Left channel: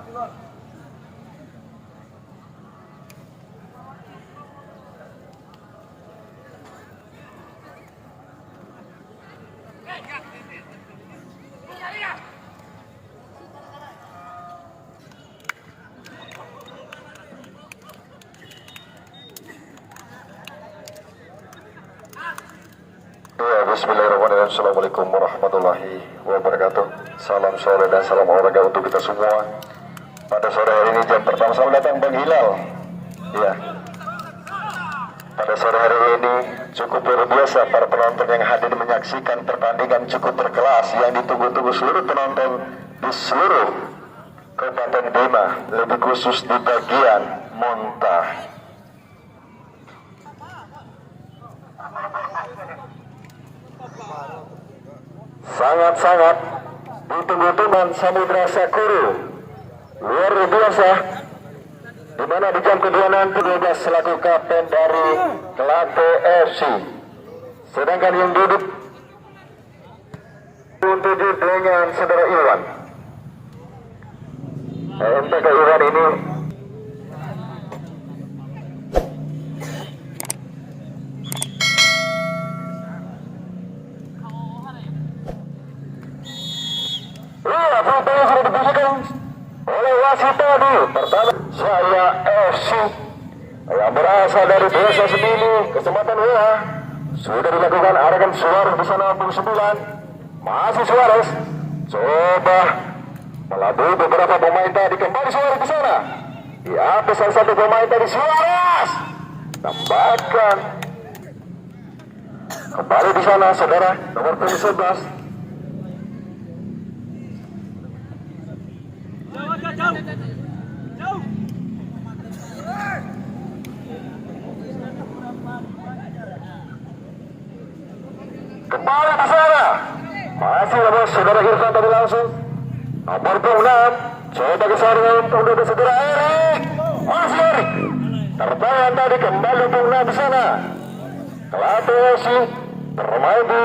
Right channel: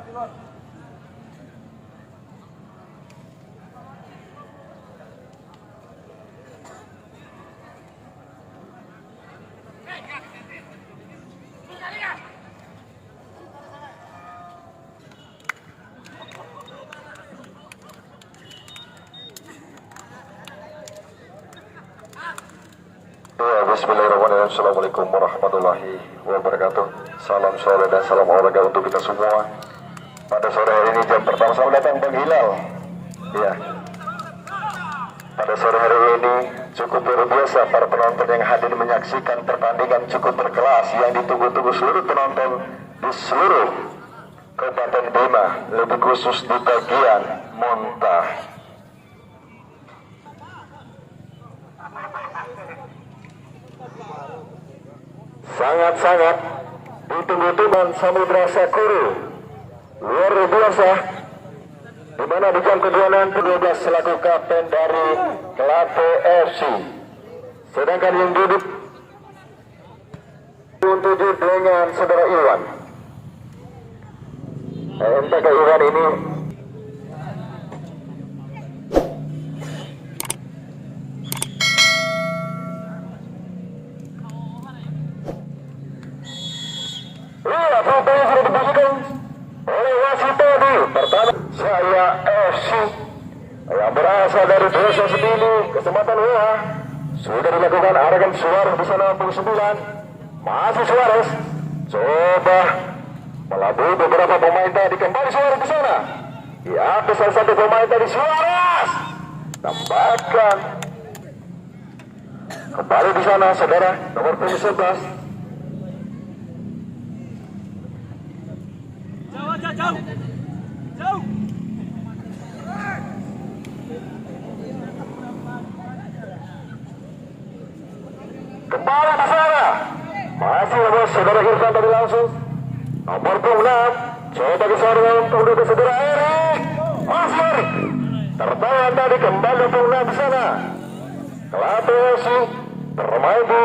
Ya, bismillahirrahmanirrahim. Assalamualaikum warahmatullahi wabarakatuh. Salam sore dan salam olahraga untuk kita semua. Pada sore hari ini jam pertama selamat datang Bang Hilal. Ya. Pada sore hari ini cukup luar biasa para penonton yang hadir menyaksikan pertandingan cukup berkelas yang ditunggu-tunggu seluruh penonton di seluruh Kabupaten Bima, lebih khusus di bagian Montah. Sangat-sangat ditunggu-tunggu Samudra Sakura luar biasa, di mana di jam kedua nanti dia selaku kapten dari Kelate FC, sedangkan yang duduk untuk dengan saudara Iwan. MTK Iwan ini sudah diberikan oleh wasit tadi. Pertama saya FC yang berasal dari desa Sebili, Kecamatan Wea, sudah dilakukan arahan Suarez di sana 69. Masih Suarez coba melalui beberapa pemain tadi, kembali Suarez di sana. Ya, salah satu pemain tadi Suarez tambahkan kembali di sana saudara nomor 11. Kembali di sana masih ada saudara Irfan tadi langsung nomor 26 coba ke sana untuk saudara Erik, masih Erik tertahan tadi, kembali 26 di sana. Kelate FC bermain di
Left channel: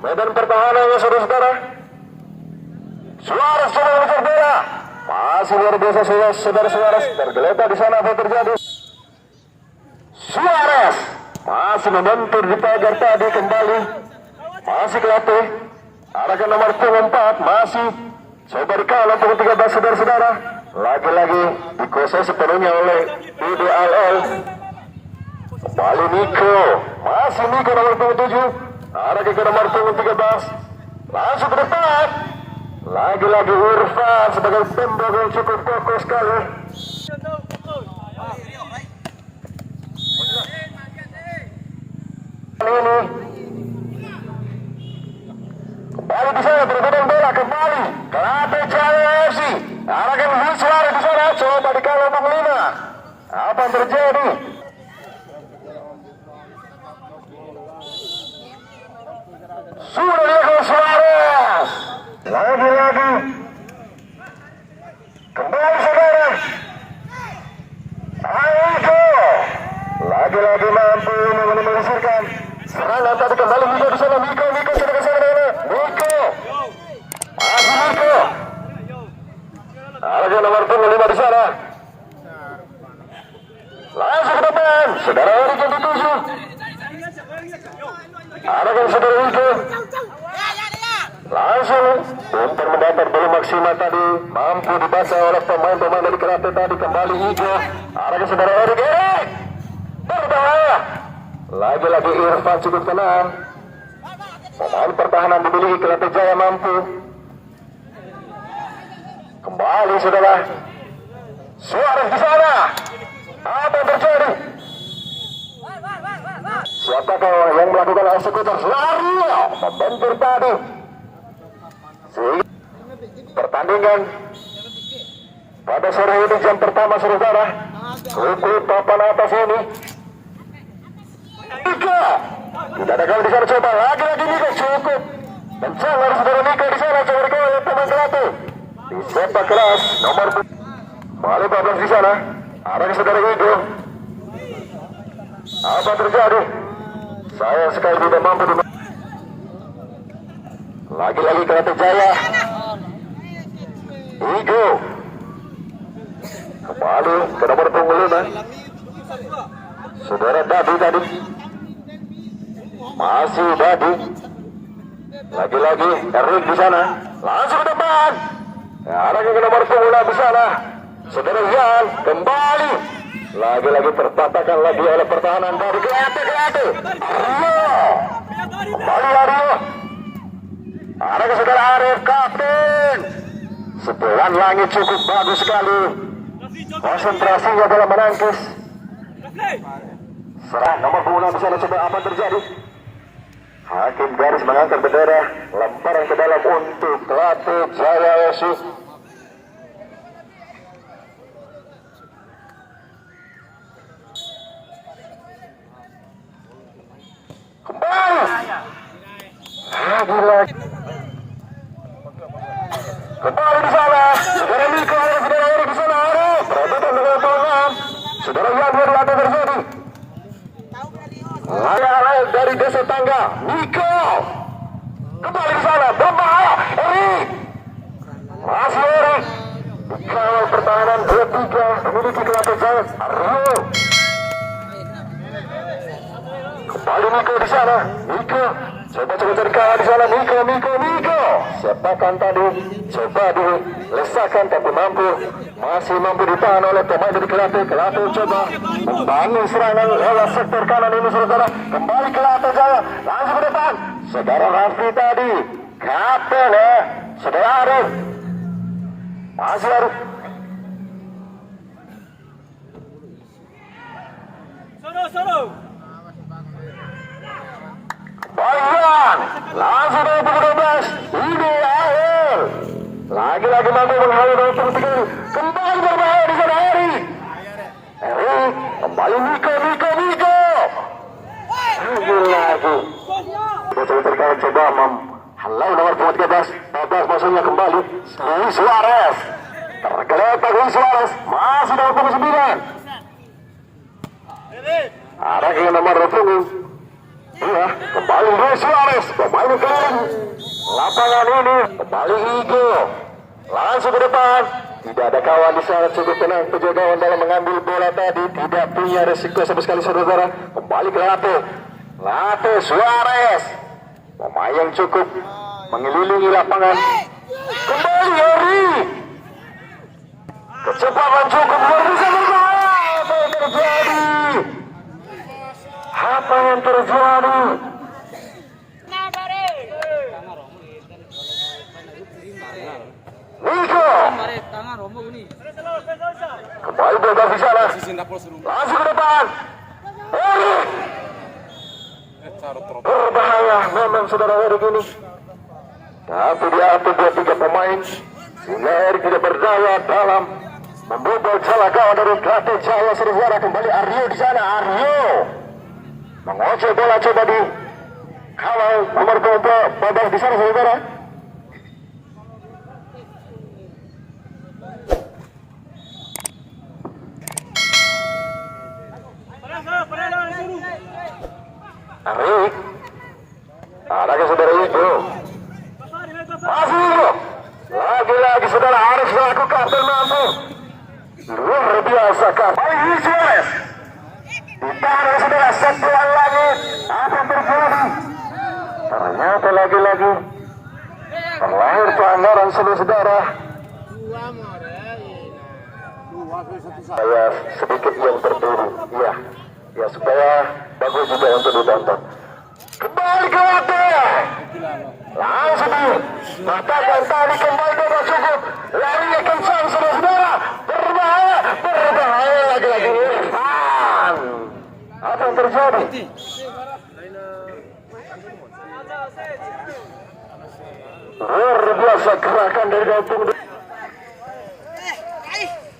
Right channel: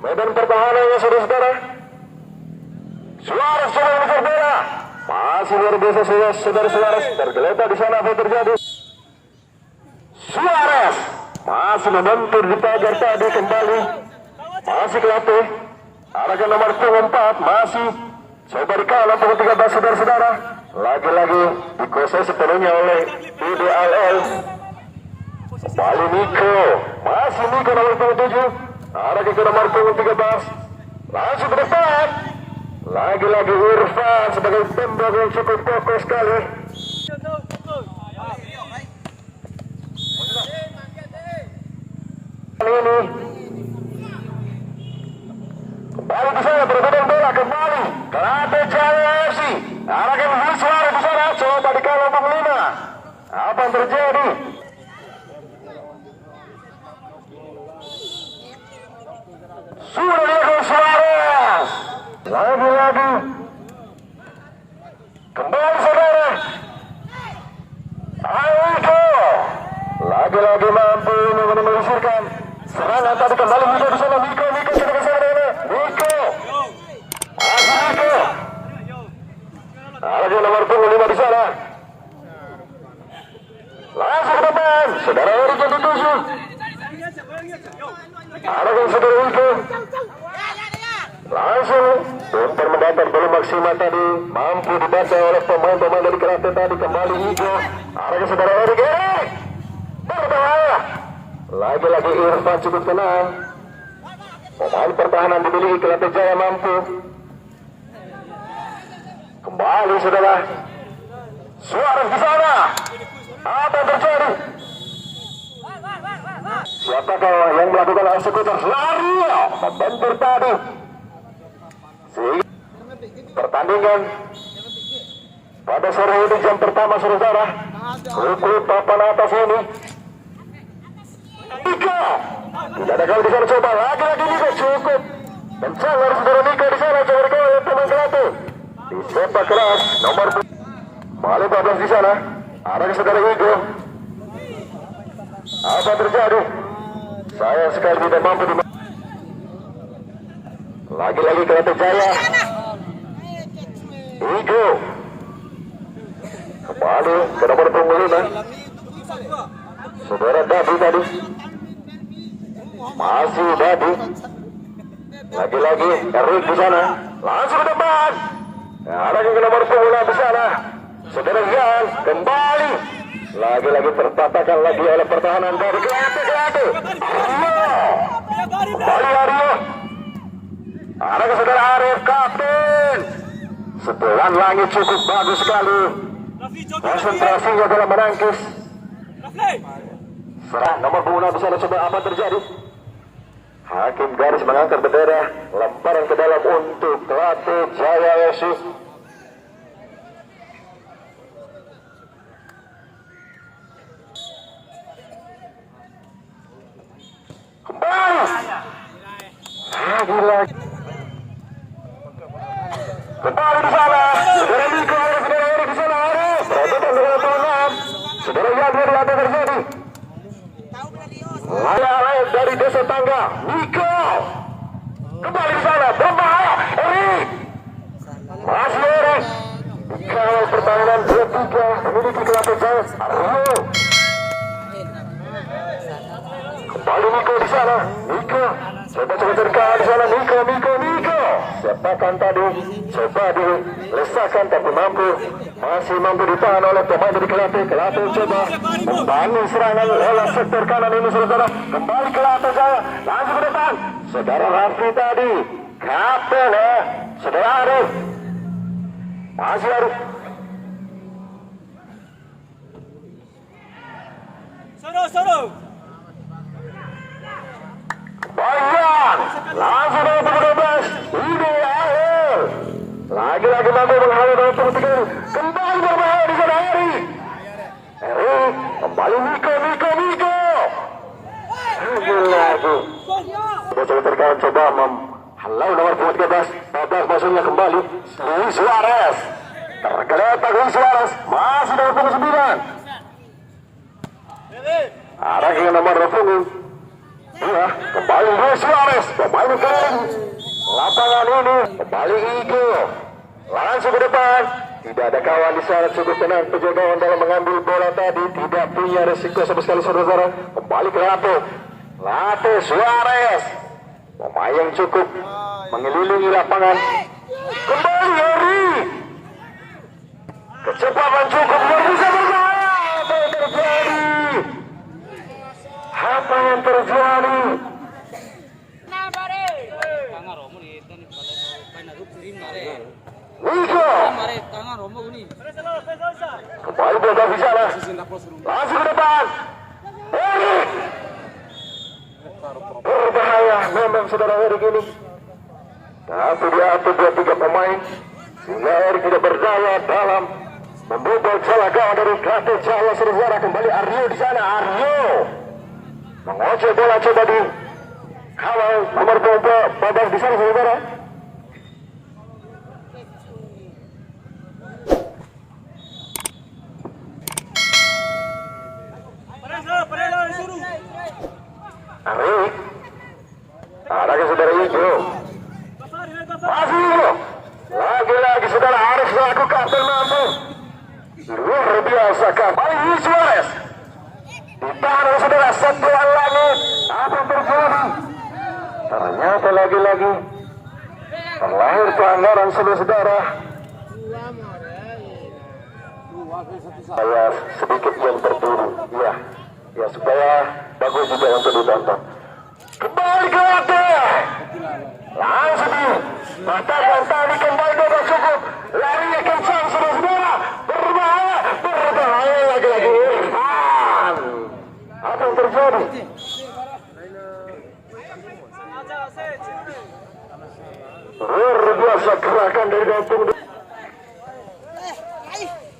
medan pertahanan saudara-saudara. Suarez coba mengejar bola, masih luar biasa saudara Suarez tergeletak di sana. Apa terjadi? Suarez masih membentur di pagar tadi, kembali masih Kelate, arahkan nomor 4 masih coba dikalah pukul 13 saudara-saudara. Lagi-lagi dikuasai sepenuhnya oleh IDLL. Kembali Niko, masih Niko nomor 7, arahkan ke nomor 13, langsung ke depan. Lagi-lagi Irfan sebagai tembak yang cukup kokoh sekali. Kali ini kembali di sana berbeda bola, kembali Kelate Jaya FC arahkan Suarez di sana, coba dikawal nomor 5. Apa yang terjadi? Sudah dilakukan Suarez, lagi-lagi kembali saudara Aiko, lagi-lagi mampu menyelesaikan serangan tadi. Kembali Niko di sana, Niko sudah ke sana, Niko masih Niko, ada nomor 5 di sana, langsung ke depan saudara Erik yang dituju, ada yang saudara Niko langsung untuk mendapat belum maksimal tadi, mampu dibaca oleh pemain-pemain dari Kelate tadi. Kembali Niko, ada yang saudara Erik berbahaya. Lagi-lagi Irfan cukup tenang. Pemain pertahanan dimiliki Kelate Jaya mampu. Kembali saudara Suarez di sana. Apa yang terjadi? Siapakah yang melakukan eksekutor? Lari membentur tadi. Pertandingan pada sore ini jam pertama saudara, pukul papan atas ini. Niko tidak ada gol di sana, coba lagi-lagi Niko cukup mencalar saudara Niko di sana, coba dikawal oleh pemain Kelate. Sepak kelas nomor Balik 14 di sana, ada saudara Niko. Apa terjadi? Saya sekali tidak mampu di lagi-lagi Kelate Jaya. Niko kembali ke nomor punggung 5 saudara Dadi tadi, masih Dadi, lagi-lagi Erik di sana, langsung ke depan, ada ke nomor punggung 6 di sana, saudara Yan kembali, lagi-lagi terpatahkan lagi oleh pertahanan dari Kelate, kembali Aryo, ada ke saudara Arif kapten, setelan langit cukup bagus sekali, konsentrasinya dalam menangkis. Serang nomor punggung 6 di sana, coba apa terjadi? Hakim garis mengangkat bendera, lemparan ke dalam untuk Kelate Jaya Yesus. Kembali lagi kembali di sana, saudara Mika, saudara Eri di sana, berebutan dengan Tuhan, saudara Yadwar apa terjadi? Lain dari desa tangga, Mika kembali di sana, berbahaya, Eri masih Eri, dikawal pertahanan 2-3 memiliki Kelate Jaya, Aryo kembali Miko di sana, Miko coba cari kawan di sana, Miko sepakan tadi coba dilesakkan tapi masih mampu ditahan oleh pemain dari Kelate coba membangun serangan lewat sektor kanan ini saudara, kembali Kelate Jaya langsung ke depan, saudara Raffi tadi kapten saudara Arif masih Arif Soro Bayan langsung dari 13 ini akhir lagi-lagi mampu menghalau dari terus kembali berbahaya di sana Eri kembali Miko lagi coba terkait coba menghalau nomor 13 maksudnya kembali Luis Suarez tergeletak Luis Suarez masih nomor 9 ada yang nomor 20 iya, kembali Luis Suarez, kembali ke lapangan ini, kembali Igo, langsung ke depan, tidak ada kawan di sana, cukup tenang penjagaan dalam mengambil bola tadi, tidak punya resiko sama sekali saudara, kembali ke Late Suarez, pemain yang cukup mengelilingi lapangan, kembali Eri, kecepatan cukup, bisa berbahaya, apa yang terjadi? Apa yang terjadi? Miko kembali berada di sana, langsung ke depan. Erik berbahaya memang saudara Erik ini. Tapi diatur 2-3 pemain sehingga Erik tidak berdaya dalam membobol celah gawang dari Kelate Jaya saudara. Kembali Aryo di sana, Aryo mengocok bola coba di kawal nomor 12 di sana saudara. Arik ada ke saudara itu masih itu lagi-lagi saudara Arif selaku kapten mampu luar biasa kembali Luis Suarez ditahan oleh saudara setelan langit. Apa yang terjadi? Ternyata lagi-lagi terlahir pelanggaran saudara. Saya sedikit yang terdiri, ya supaya bagus juga untuk ditonton. Kembali ke waktu, langsung katakan tadi kembali ke cukup, larinya kencang saudara, berbahaya lagi-lagi. Apa yang terjadi? Luar biasa gerakan dari Gautung.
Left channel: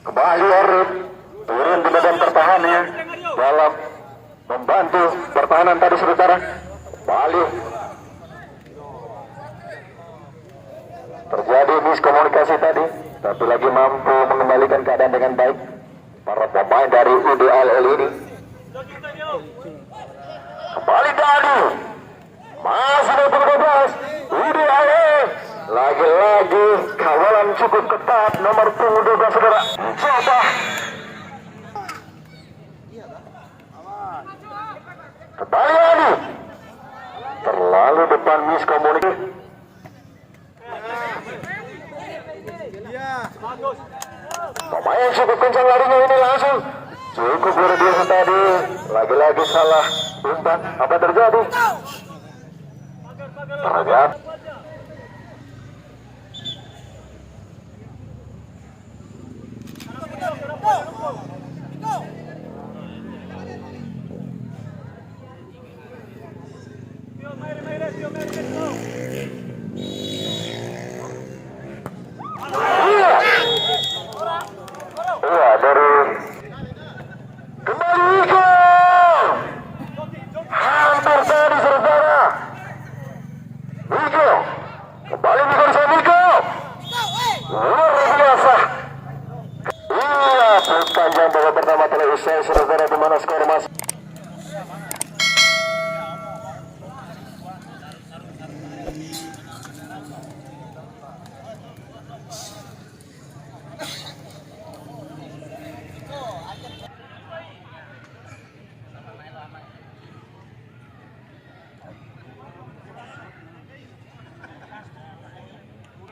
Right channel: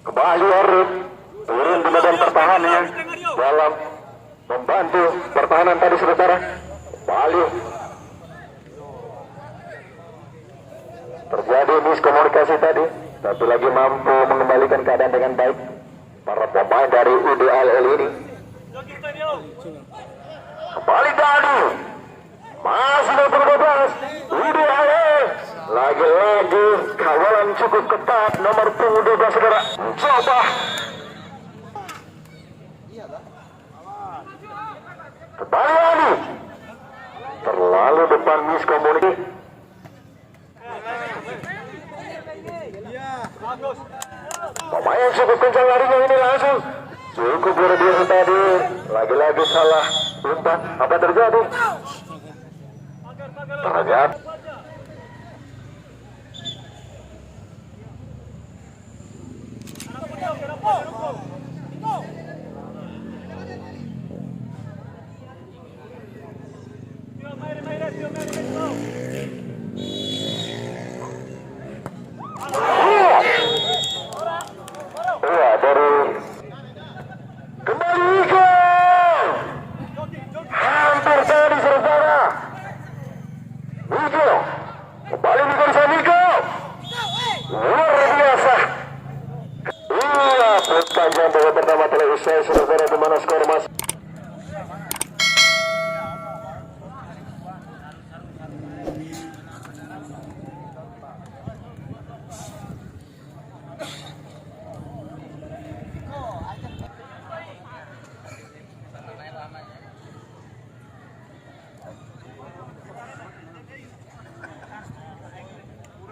Kembali Arif turun di badan pertahanan dalam membantu pertahanan tadi saudara. Kembali terjadi miskomunikasi tadi, tapi lagi mampu mengembalikan keadaan dengan baik para pemain dari UDAL ini. Kembali Dani masih nomor 12 UDAL, lagi-lagi kawalan cukup ketat nomor punggung 12 saudara. Coba Kembali Adi. Terlalu depan miskomunikasi. Pemain cukup kencang larinya ini langsung. Cukup luar biasa tadi. Lagi-lagi salah umpan. Apa terjadi? Terjadi. Iya dari kembali ke hampir tadi saudara. Miko kembali bisa Miko. Luar biasa. Iya, perpanjang babak pertama telah usai saudara, di mana skor masih.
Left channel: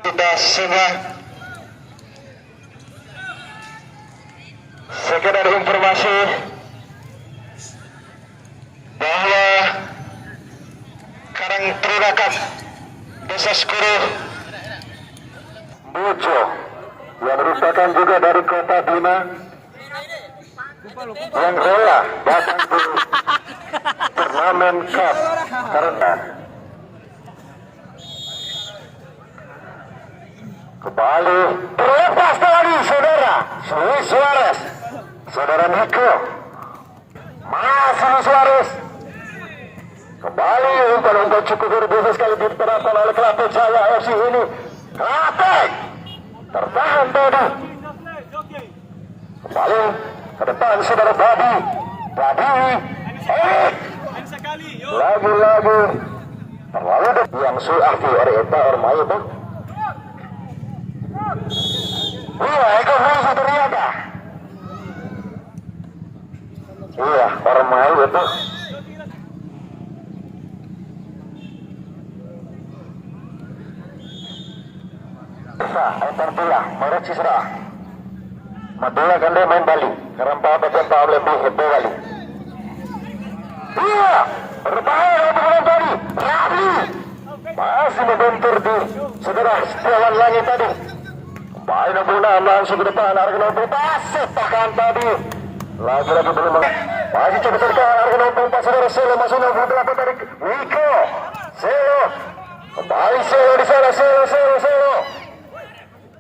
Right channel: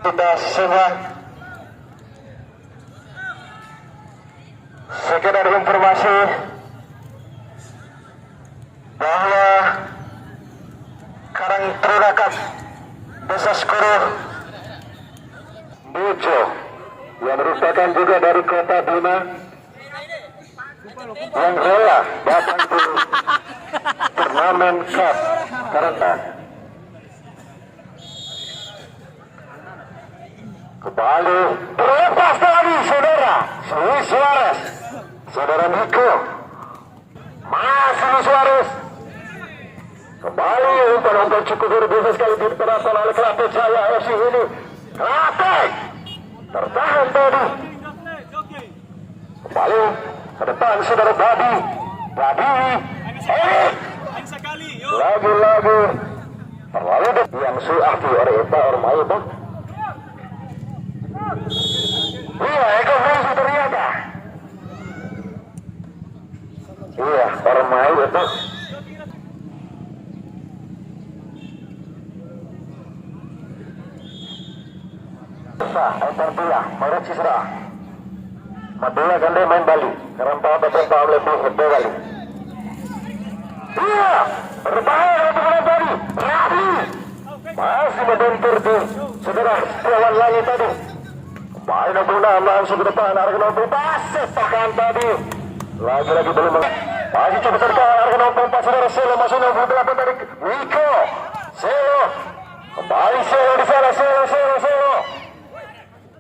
Sudah semua. Sekedar informasi bahwa Karang Trinakap Desa Skoro Bojo yang merupakan juga dari kota Bima yang rela datang ke turnamen cup karena kembali terlepas lagi saudara Luis Suarez, saudara Miko masih Luis Suarez kembali umpan cukup luar biasa sekali diterapkan oleh Klaten Jaya FC ini. Klaten tertahan tadi kembali ke depan saudara Babi lagi-lagi terlalu dekat yang suarti Erita Ermaida. Iya, Eko Reza ternyata. Iya, Ermai itu. Entartia, Merek Cisra. Madura ganda main Bali. Kerempat betul lebih hebat Bali. Iya, berbahaya untuk tadi. Rabi. Masih membentur tuh. Saudara, setelan langit tadi. Baik Nabuna langsung ke depan. Argono bebas. Sepakan tadi. Lagi-lagi belum masih cukup tertahan. Argono bebas. Saudara Selo masuk nomor 8 dari Miko. Selo. Kembali Selo di sana. Selo.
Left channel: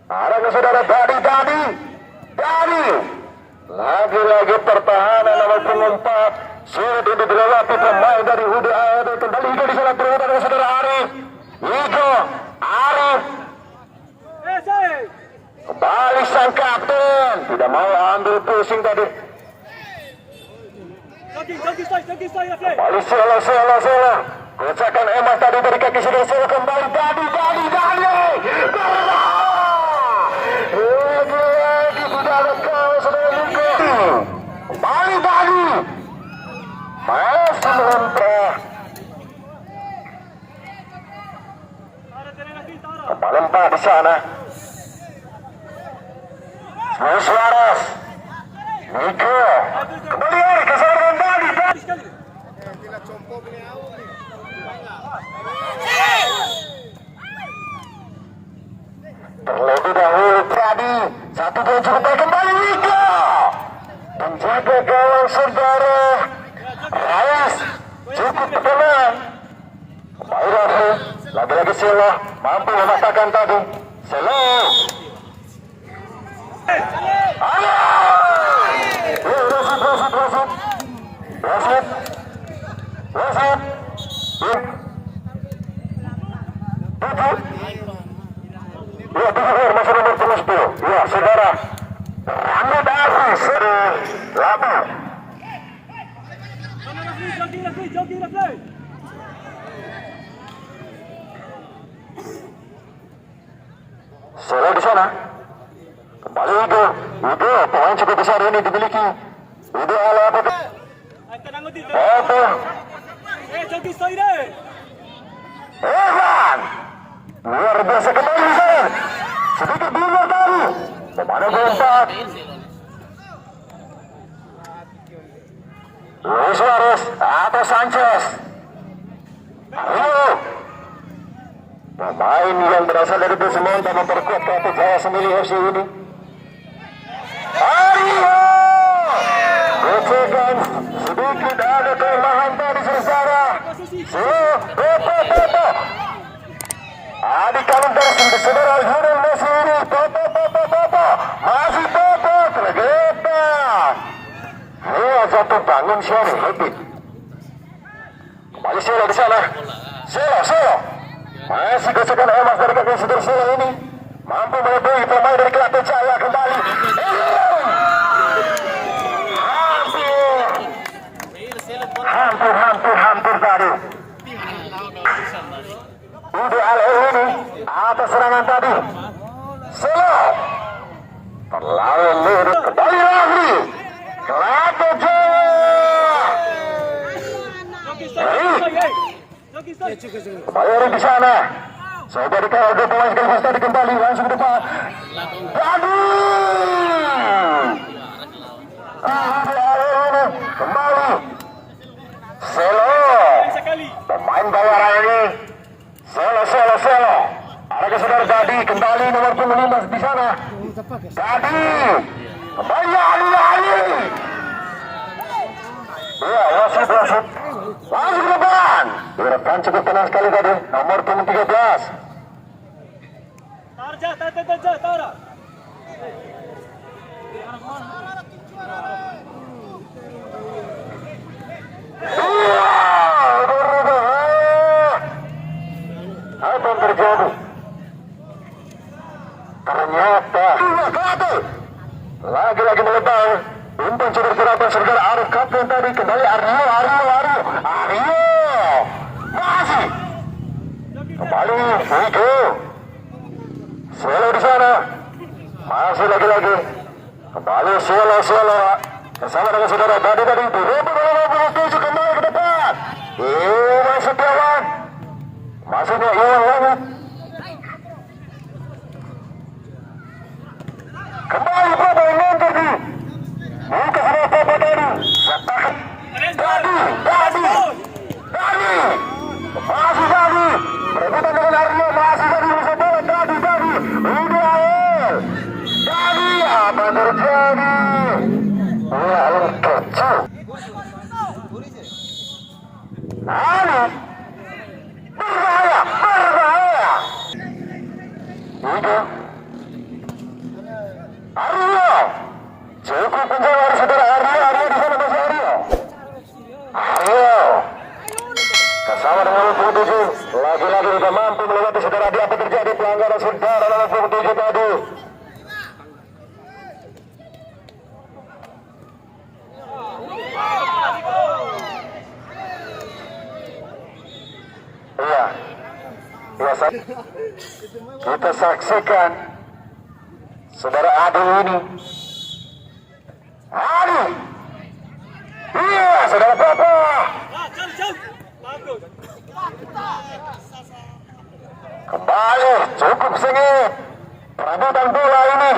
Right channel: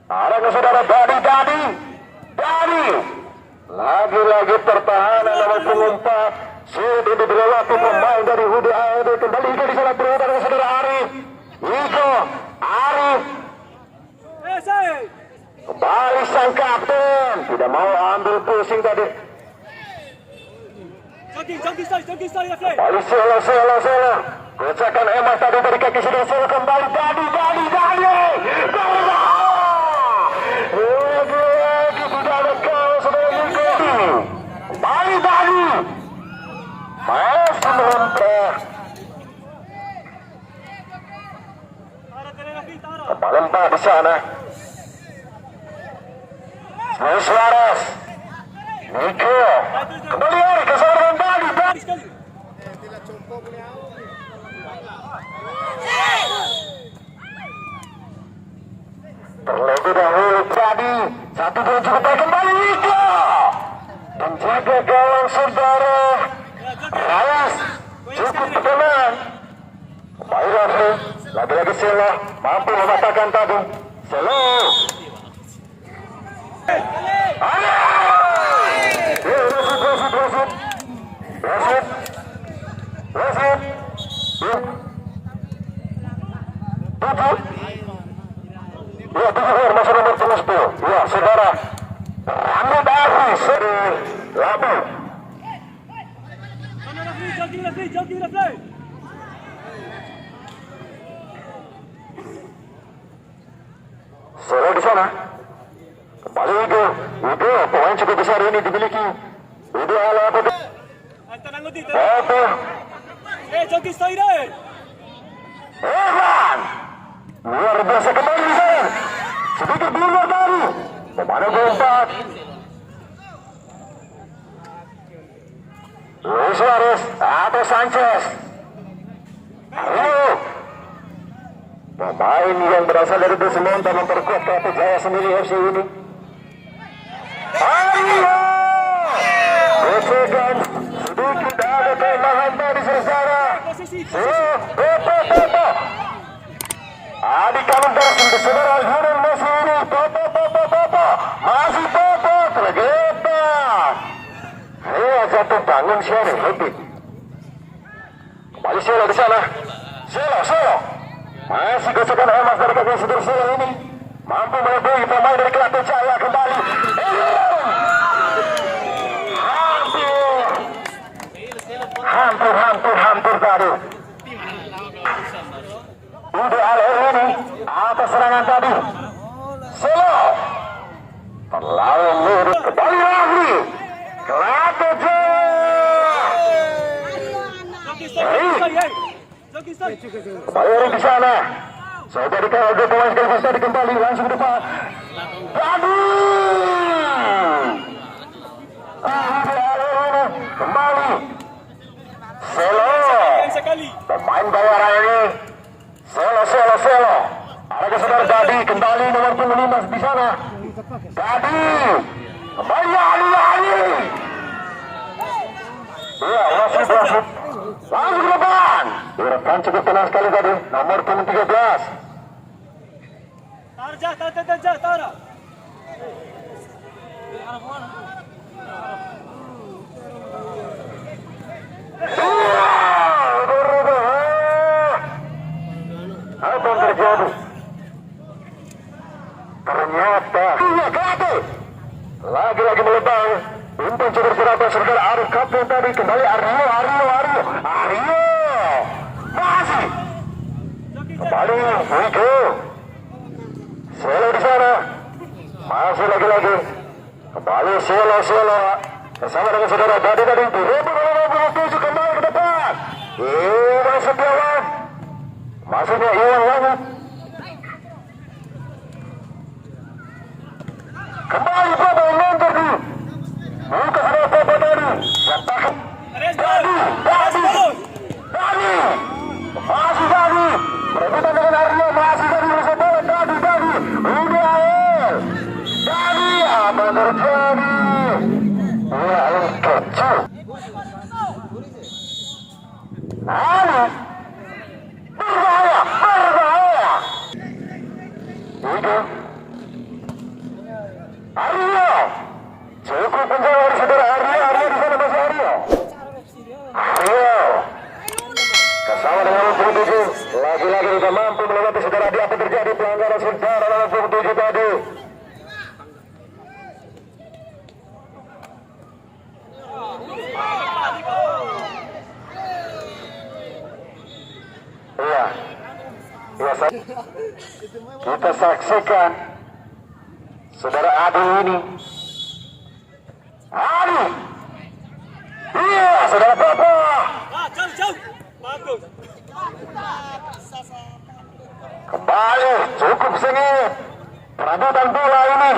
Ada ke saudara Dadi. Lagi-lagi pertahanan nomor pengumpat. Sudah dilewati pemain dari Hudi AOD. Kembali itu di sana berhubungan dengan saudara Arif. Miko. Arif. Kembali sang kapten. Tidak mau ambil pusing tadi. Kembali Selo. Kocakan emas tadi dari kaki saudara Selo. Kembali Dadi. Lagi-lagi tidak ada kau saudara Miko. Kembali Dadi. Masih mengontrol. Kembali 4 di sana. Luis Suarez. Miko. Kembali lagi ke seorang Dadi. Terlebih dahulu Dadi. 1-2 cukup baik kembali Miko. Menjaga gawang saudara Reyes. Cukup tenang. Kembali lagi Selo. Mampu memasakkan tadi. Selo. Wasit. Ya, masih nomor 10. Ya, saudara Rambut Aziz Labu. Selo di sana. Kembali Igo, pemain cukup besar ini dimiliki. Igo ala apa? Joki Soire. Evan luar biasa kembali Zain, sedikit di luar tadi pemain keempat Luis Suarez atau Sanchez. Ayo pemain yang berasal dari Busmonta memperkuat Kelapa Jaya sendiri FC ini. Ayo Gocegan sedikit ada kelemahan dari sejarah. Adik kalian dari saudara Lionel Messi ini masih tergeta. Ini satu bangun siapa lebih. Kembali Sela di sana. Sela masih gocekan emas dari kaki saudara ini mampu melebihi pemain dari Kelapa Jaya kembali. Hampir tadi. Ideal ini atas serangan tadi. Selo terlalu lurus. Kembali lagi. Kelapa Jaya. Bayari di sana. Saya dari KLB pemain sekaligus tadi kembali langsung depan. Kembali. Selo pemain bayaran ini. Selo ada saudara Dadi kembali nomor 15 di sana. Dadi kembali Ali. Iya wasit langsung ke depan. Direkan cukup tenang sekali tadi nomor 13. Tara. Apa yang terjadi? Ternyata lagi melebar. Umpan coba bergerak saudara Arif Kapten tadi kembali Aryo masih kembali Vito Selo di sana masih lagi kembali Selo bersama dengan saudara tadi tujuh kembali ke depan. Masuk jalan masuknya hilang lagi kembali pada nonton di buka sudah apa tadi katakan Dadi masih tadi berbeda dengan Aryo masih tadi bersama Dadi udah Dadi apa terjadi kecil berbahaya itu Aryo cukup penjara saudara Aryo di sana masih Aryo bersama dengan 27 lagi-lagi juga mampu melewati saudara di apa terjadi pelanggaran sebentar dalam 27 tadi. Kita saksikan saudara Adi ini. Saudara Papa. Kembali cukup sengit perebutan bola ini.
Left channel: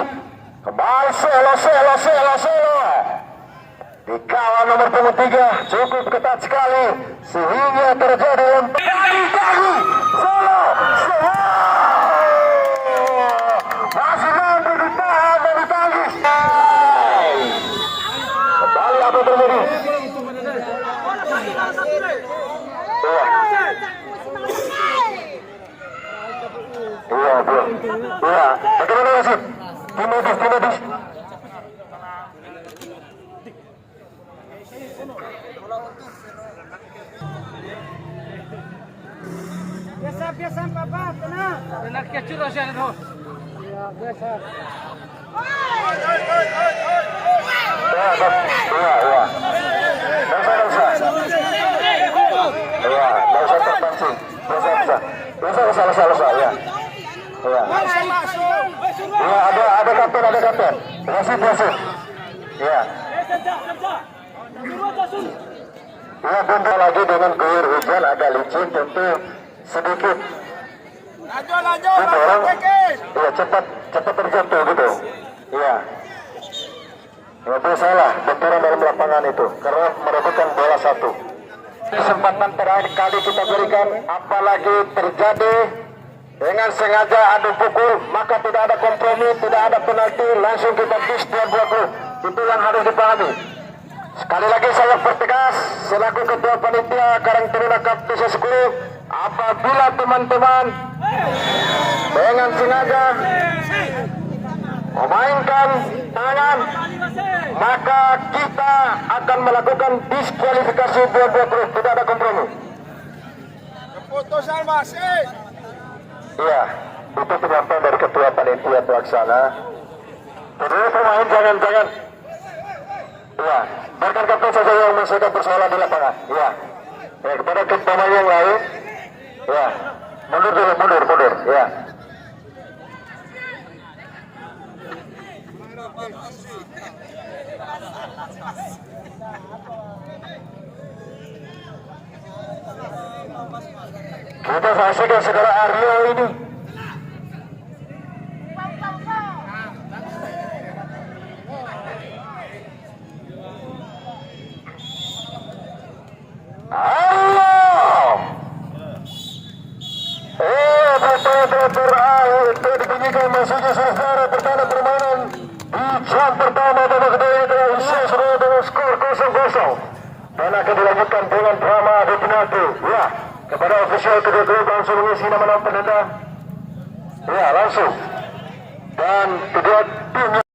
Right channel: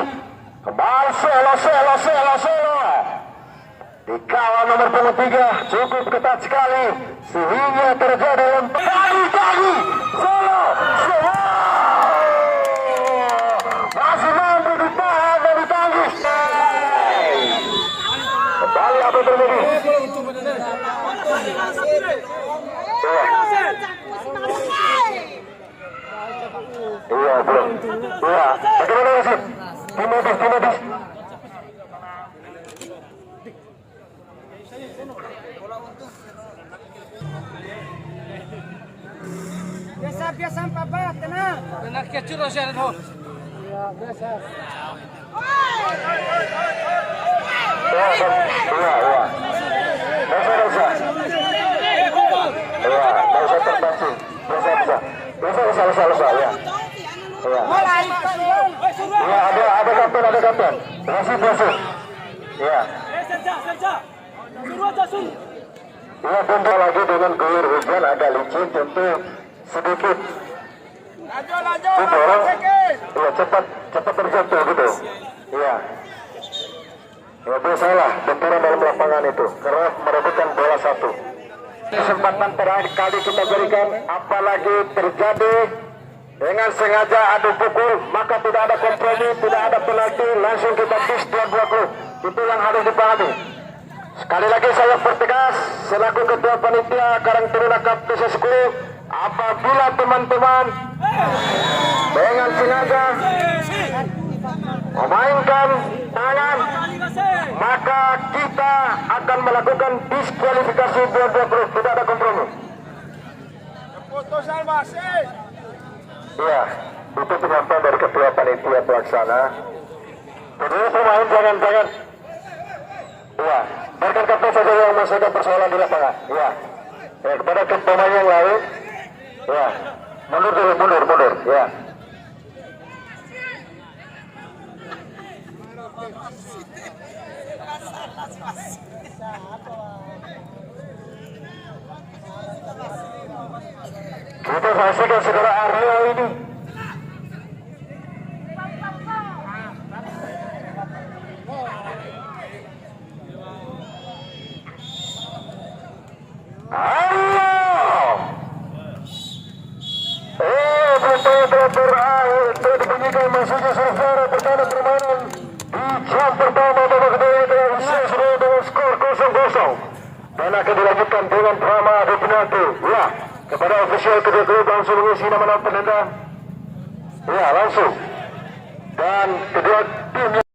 Kembali Selo. Dikawal nomor 23 cukup ketat sekali sehingga terjadi tadi Selo masih mampu ditahan dan ditangis. Kembali apa terjadi? Iya. Bagaimana masih? Timodis. Biasa Papa, tenang. Tenang ke churros ya no. Ya, biasa. Iya. Bisa ya. Iya, ada kapten. Wasit. Iya. Ya, bentar lagi dengan guyur hujan agak licin tentu sedikit. Itu orang, ya cepat terjatuh gitu. Iya. Ya itu salah, benturan dalam lapangan itu karena merebutkan bola satu. Kesempatan terakhir kali kita berikan, apalagi terjadi dengan sengaja adu pukul, maka tidak ada kompromi, tidak ada penalti, langsung kita kiss 20. Itu yang harus dipahami. Sekali lagi saya pertegas selaku ketua panitia Karang Taruna Cup PSSI, apabila teman-teman dengan sengaja memainkan tangan, maka kita akan melakukan diskualifikasi 20. Tidak ada kompromi. Keputusan masih. Iya, itu penyampaian dari ketua panitia pelaksana. Jadi pemain jangan. Iya, biarkan kapten saja yang masih ada persoalan di lapangan. Iya. Ya, kepada pemain yang lain. Iya. Mundur. Iya. Kita saksikan saudara Aryo ini. Betul dibunyikan masuknya saudara pertama permainan di jam pertama babak kedua dengan skor 0-0 dan akan dilanjutkan dengan drama adu penalti. Ya, kepada ofisial kedua klub langsung mengisi nama penendang. Ya, langsung dan kedua tim